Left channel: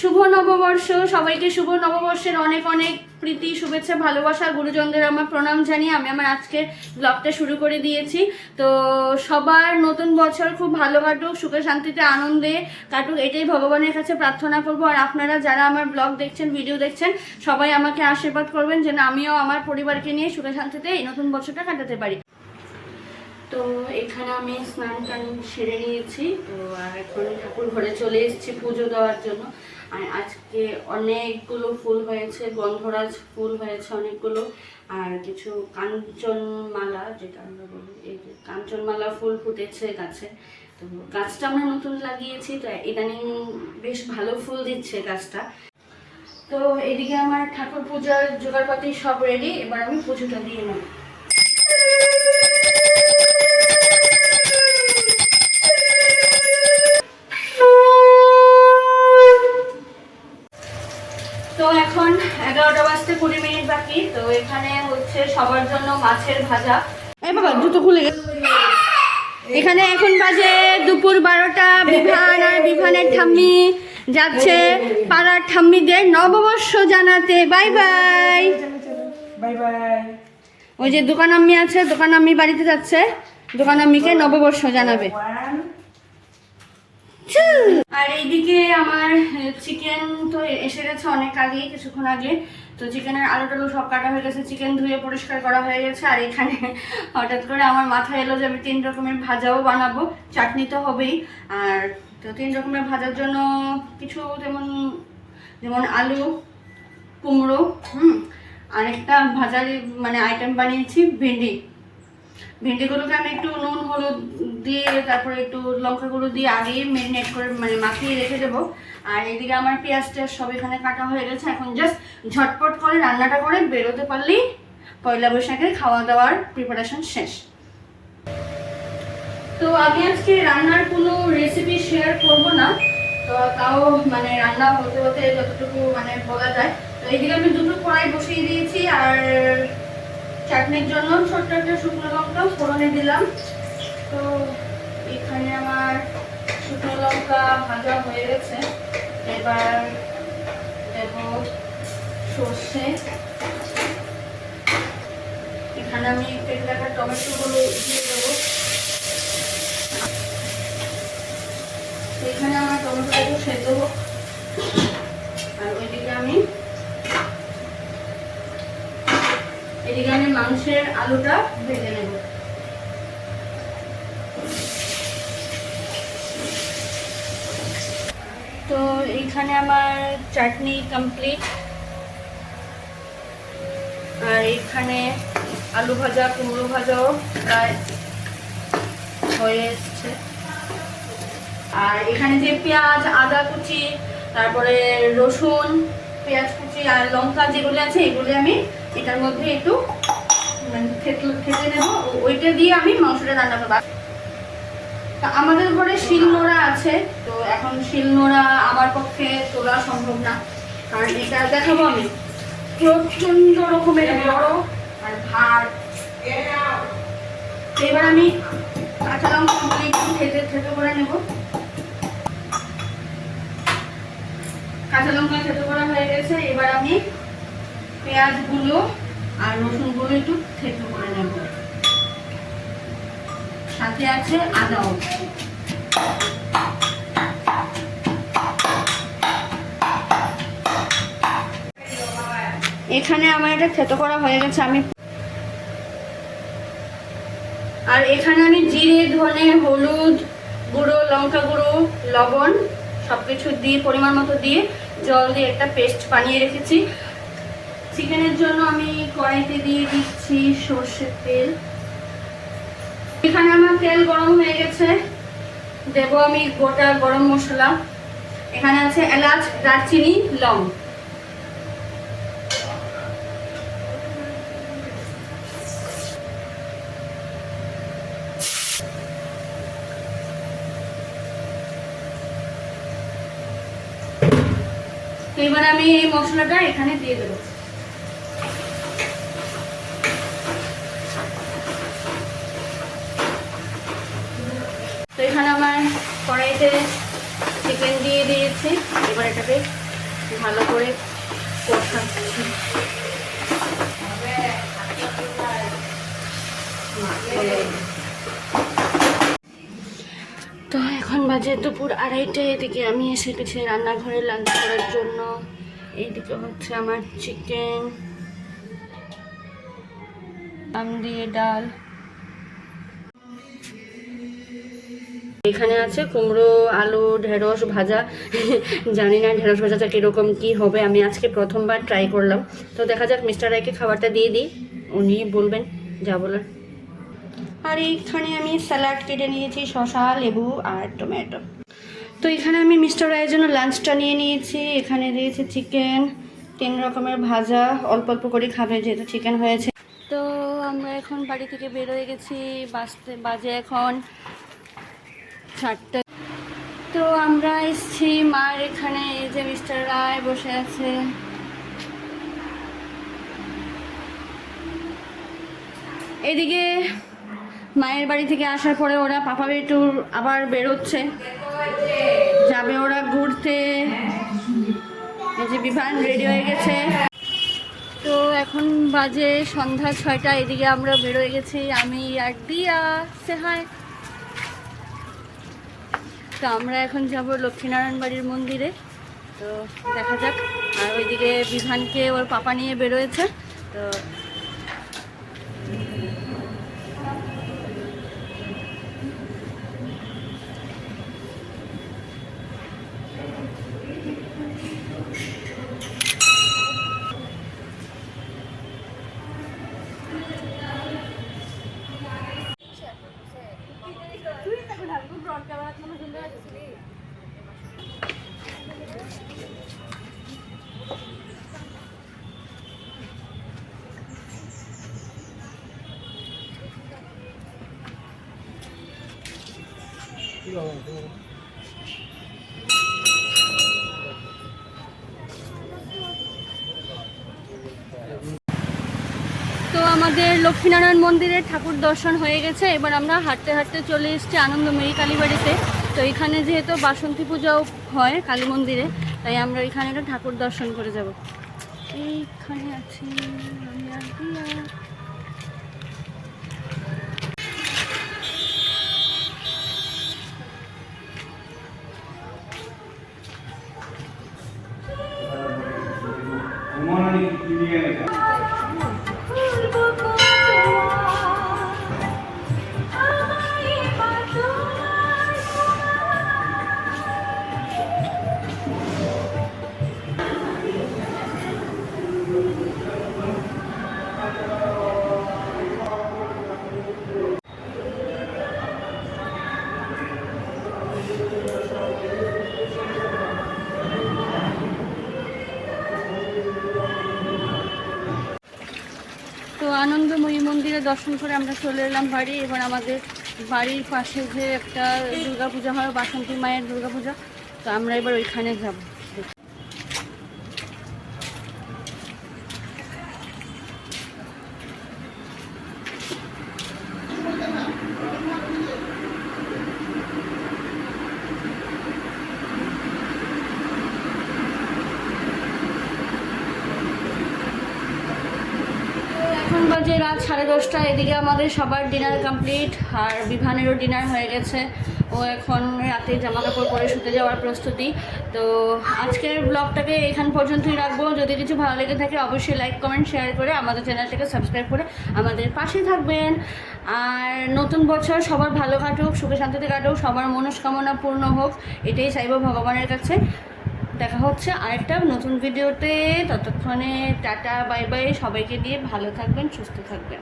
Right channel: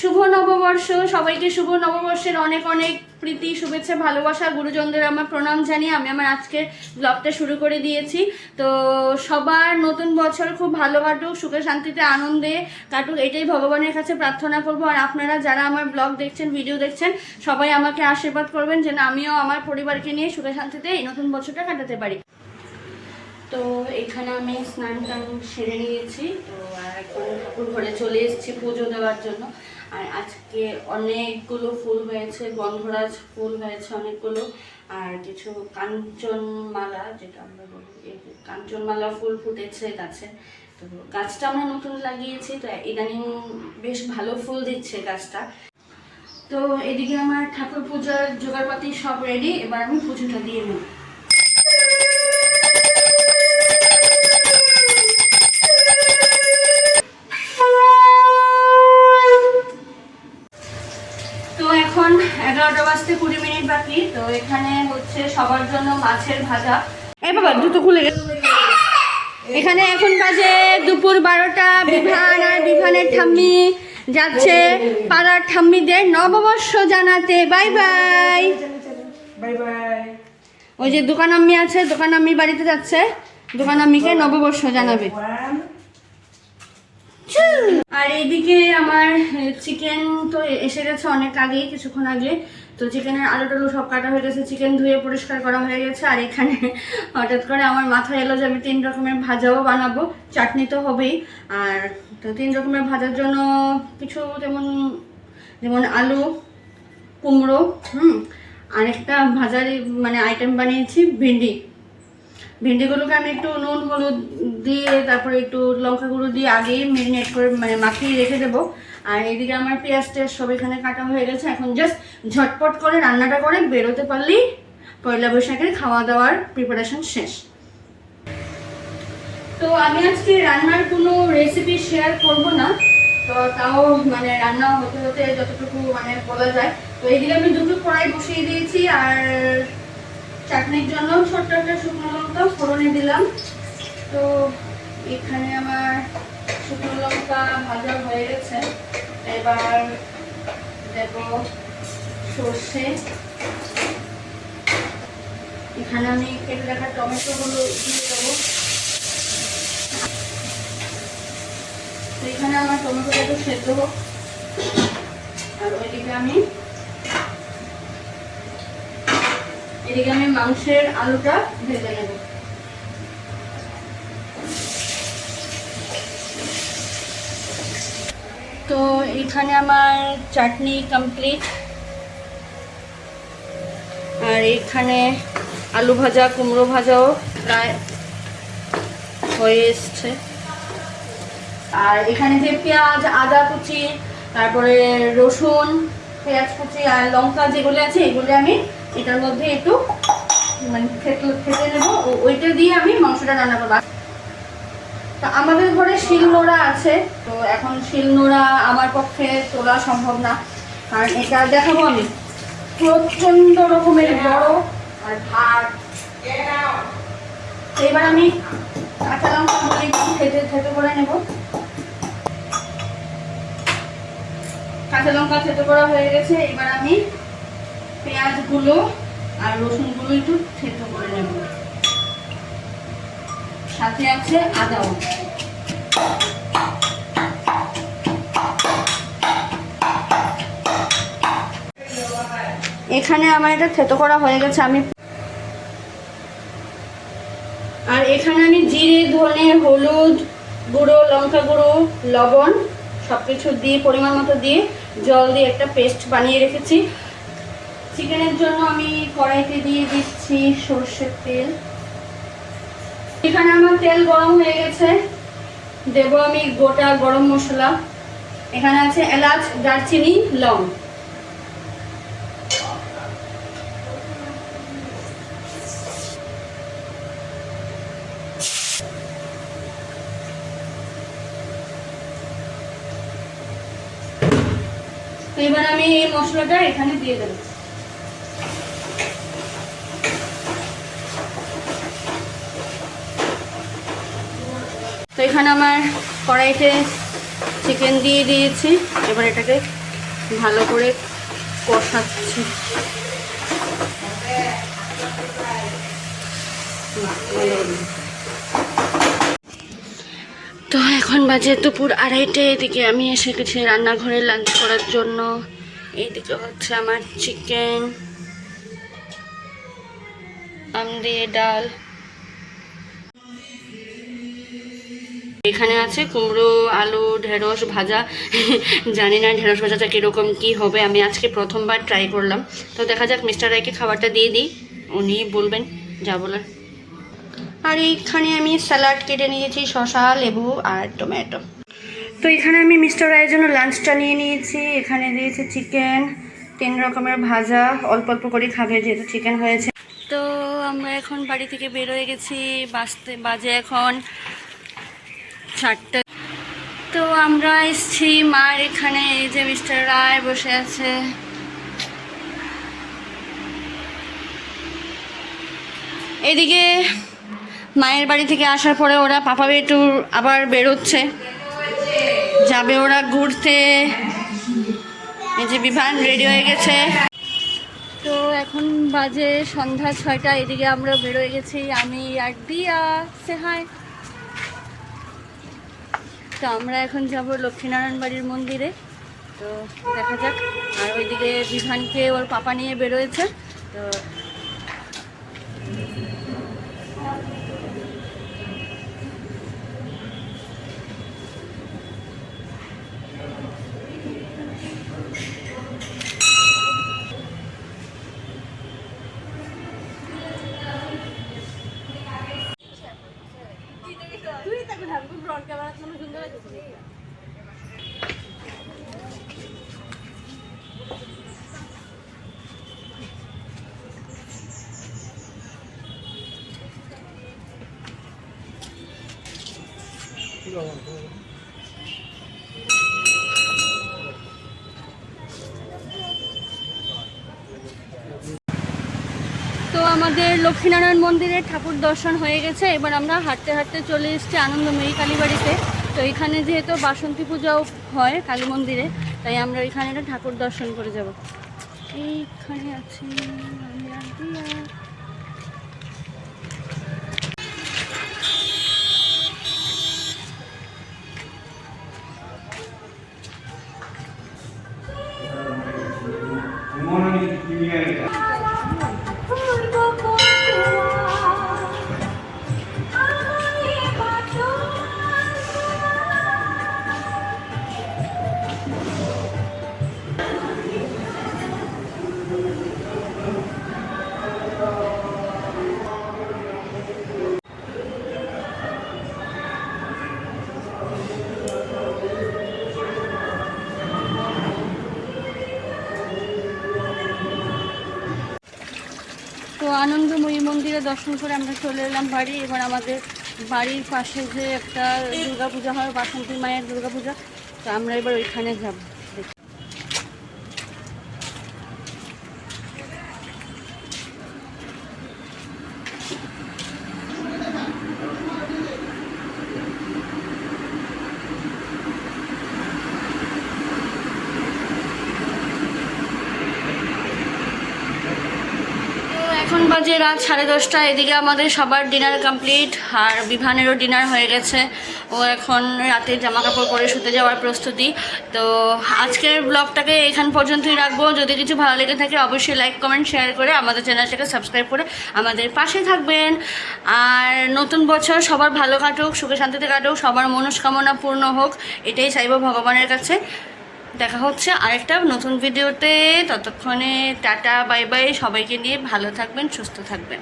শুভ নববর্ষ। সবাইকে শুভ নববর্ষের অনেক অনেক প্রীতি, শুভেচ্ছা, ভালোবাসা। গুরুজনদের আমার প্রণাম জানিয়ে আমি আমার আজকের ব্লগটা শুরু করে দিয়েছি। তো সবার নতুন বছর খুব ভালো কাটুক, সুখে শান্তিতে আনন্দে কাটুক, এটাই ভগবানের কাছে প্রার্থনা করব। আর আপনারা যারা আমার ব্লগ দেখছেন, ভিডিও দেখছেন, সবাই আমাকে আশীর্বাদ করবেন যেন আমিও আমার পরিবারকে নিয়ে সুখে শান্তিতে এই নতুন বছরটা কাটাতে পারি। তো এখানে আমি স্নান টান সেরে নিয়েছি। তো আর এখন ঠাকুর ঘরে চলে এসেছি পুজো দেওয়ার জন্য। আর আজকে অনেকগুলো ফুল হয়েছে, গন্ধরাজ ফুল হয়েছে অনেকগুলো। আর কিছু কাঞ্চনমালা, যেটা আমরা বলি, এই কাঞ্চনমালা ফুল ফুটেছে গাছে। তো গাছটা আমরা নতুন লাগিয়েছি, তো ইদানিং বেশ ভালো ফুল দিচ্ছে গাছটা। তো এদিকে আমার ঠাকুর পূজার জোগাড়পাতি সব রেডি এবার আমি পুজোটা দিয়ে নেব তো এখন এগারোটা বাজতে কুড়ি তো এখানে হচ্ছে সবার জন্য মাছের ভাজা। এই বাবা, জুতো খুলে এখানে এখন বাজে দুপুর বারোটা, বিভান আর বিভানের ঠাম্মি যাচ্ছে পাড়ার ঠাম্মিদের নববর্ষ জানাতে। Bye bye. বাই বাই ওই যে দোকান আম্মি আছে দোকান আম্মি বাড়িতে যাচ্ছে। দোকান আম্মিকে নববর্ষ জানাবে। আর এইদিকে আমার চিকেন তো এসে গেছে অনেক আগেই, কিছুক্ষণ আগে। তো চিকেনের আলু টালু সব কাটা হয়ে গেছে চিকেন ধুয়ে পরিষ্কার করা হয়ে গেছে, আর এখানে হঠাৎ করে আমার মাথায় এলো যে আমি তিন রকমের ভাজাও বানাবো, চাটনি তো হবেই, আর তো তিন রকমের ভাজার জন্য কিছু যেমন যেমন আলু, কুমড়ো, হুম, আরেকটা ভাজার মানে আইটেম বানিয়েছি, ভেন্ডি। ভেন্ডিগুলোকে আমি একটু নুন, হলুদ দিয়ে, তারপরে একটু লঙ্কা গুঁড়ো দিয়ে আগেই মেরিনেট করে মানে মাখিয়ে রেখে দেবো। আর এদিকে আমার পেঁয়াজ টেয়াজ সব এখানে কাটা হয়ে গেছে। এখন জাস্ট ঝটপট করে রান্নাটা করে বেরোতে পারলেই পয়লা বৈশাখের খাওয়া দাওয়ার প্রিপারেশন শেষ। তো আমি আজকে রান্নার কোনো রেসিপি শেয়ার করব না। তো তাও মানে রান্না হতে হতে যতটুকু মানে বলা যায়। তো এদিকে আমি দুটো কড়াই বসিয়ে দিয়েছি। আর চাটনির জন্য ছোট্ট একটা শুকনো লঙ্কা ফোড়নে দিলাম। তো এখানে আমার শুকনো লঙ্কা ভাজা হয়ে গেছে। এবার দেব সর্ষে। এখানে আমি কেটে রাখা টমেটোগুলো দিয়ে দেবো। তো এখানে আমার টমেটোটা একটু সেদ্ধ হোক। আর ওইদিকে আমি এদিকে আমি মাংসের আলুটা ভেজে নেব। তো এইখানে আমার চাটনি কমপ্লিট আর এইখানে আলু ভাজা, কুমড়ো ভাজাও হয়ে এসছে। আর এখানে যে পেঁয়াজ, আদা কুচি, তারপরে রসুন, পেঁয়াজ কুচি আর লঙ্কা যেগুলো আছে, এগুলো আমি এটার মধ্যে একটু মানে খেতে নেব। ওইটা দিয়ে আমি মাংসটা রান্না করব। তা আমাদের ঘরে শিল নোড়া আছে, তো এখন শিল নোড়া আমার পক্ষে তোলা সম্ভব না। কারণ এটা দেখাবো আমি। প্রচণ্ড রকমের বড় আর ভার। তো এবার আমি কাঁচা লঙ্কা খেতে খেতে করে নেব। কাঁচা লঙ্কা খেতে করা হয়ে গেছে। এবার আমি পেঁয়াজগুলো আর রসুনগুলো একটু থেতো করে নেব। সাথে আছে আদাও এখানে আমার এটা থেতো করা হয়ে গেছে, আমি আর এখানে আমি জিরে, ধনে, হলুদ গুঁড়ো, লঙ্কা গুঁড়ো, লবণ সব কিছু দিয়ে, পরিমাণ মতো দিয়ে জল দিয়ে একটা পেস্ট বানিয়ে রেখেছি। চিকেনের জন্য আমি কড়াইতে দিয়ে দিচ্ছি সর্ষের তেল। এখানে আমার তেল গরম হয়ে গেছে। দেব আমি গোটা গরম মশলা। এখানে আছে এলাচ, দারচিনি, লং। এবার আমি এই মশলাটা এখানে দিয়ে দেবো তো এখানে আমার কড়াইতে চিকেন দিয়ে দিয়েছি। এবার এটাকে ভালো করে কষাচ্ছি। তো এখন বাজে দুপুর আড়াইটে, এদিকে আমি এসে গেছি রান্নাঘরে লাঞ্চ করার জন্য। এইদিকে হচ্ছে আমার চিকেন আম দিয়ে ডাল। এখানে আছে কুমড়ো আলু ঢেঁড়স ভাজা। জানি না ঢেঁড়স ভাজাটা কীরকম কী হবে আমি আজকে প্রথমবার ট্রাই করলাম। তো দেখা যাক মিস্টার রায়কে খাবারটা দিয়ে দিই উনি বলবেন যা বলার। আর এইখানে আমি স্যালাড কেটে নিয়েছি শসা লেবু আর টমেটো তো এখানে আমি মিস্টার রায়ের জন্য লাঞ্চটা নিয়ে নিয়েছি। এখানে দিয়েছি চিকেন তিন রকমের ভাজা অল্প অল্প করে খাবে যেহেতু চিকেন হয়েছে। তো আমরা এখন বাড়ি থেকে বের হয়ে গেছি বাসতে বাজে এখন। চারটে। তো আমরা এসছি, মার এখানে, এই যে মিস্টার রায় বসে আছে। এদিকে মায়ের বাড়ি থেকে আসার পরে ওরা পাপা বেটুর আবার বেরোচ্ছে। যাবে ওরা ঘুরতে। এই যে বিভান রেডি হয়ে গেছে। তো এখন বাজে সন্ধ্যা ছয়টা, এদিকে আমরা বেরোয় গেছি। আমি আর দিয়া সে হায় তো আমরা এখন যাব লক্ষ্মীনারায়ণ বাড়ির মন্দিরে। তো দেখা যাক। আর ওইদিকে বিধানকে ওর পাপা নিয়ে বেরোয়েছে। তো তো আমাদের লক্ষ্মীনারায়ণ মন্দিরের ঠাকুর দর্শন হয়ে গেছে। এবার আমরা হাঁটতে হাঁটতে চলে এসেছি আনন্দমেরি কালীবাড়িতে। তো এখানে যেহেতু বাসন্তী পূজাও হয় কালী মন্দিরে, তাই আমরা এখানে ঠাকুর দর্শন করে যাব। এইখানে আছি আমি আর আনন্দময়ী মন্দিরে দর্শন করে আমরা চলে এলাম বাড়ি। এবার আমাদের বাড়ির পাশে যে একটা দুর্গাপূজা হয়, বাসন্তী মায়ের দুর্গাপূজা। তো আমরা এবার ওইখানে যাব তো এখন বাজে রাত সাড়ে দশটা, এদিকে আমাদের সবার ডিনার কমপ্লিট আর বিভানেরও ডিনার হয়ে গেছে। ও এখন রাতে জামা কাপড় পরে শুতে যাওয়ার প্রস্তুতি। তো আজকের ব্লগটাকে এখান পর্যন্তই রাখব। যদি কিছু ভালো লেগে থাকে, অবশ্যই লাইক কমেন্ট শেয়ার করে আমাদের চ্যানেলটাকে সাবস্ক্রাইব করে আমাদের পাশে থাকবেন। আর নতুন বছর সবার ভালো কাটুক, সুখে শান্তিতে কাটুক, সবার মনস্কামনা পূর্ণ হোক, এটাই চাইব ভগবানের কাছে। দেখা হচ্ছে আরেকটা নতুন ভিডিওতে। ততক্ষণে টাটা, বাই বাই। সবাইকে নিয়ে ভালো থাকবেন, সুস্থ থাকবেন।